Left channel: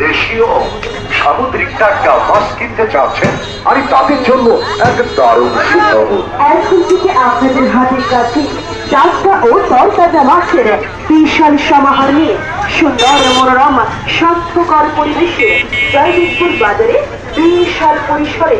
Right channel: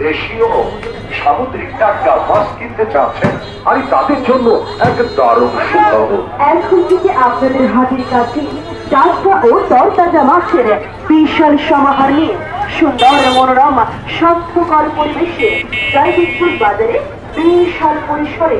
দেশীয় সামুদ্রিক টাটকা মাছ কিনতে চাচ্ছেন আর তাদের জন্য এক দারুণ সুখবর। এখন থেকে আপনাদের হাতের কাছে টাটকা ও তরতাজা মাছের বিশাল সমাহার নিয়ে সুন্দর মনোরম, স্বাস্থ্যকর পরিবেশে জয়দীপুর বাজারে বিশাল পরিসরে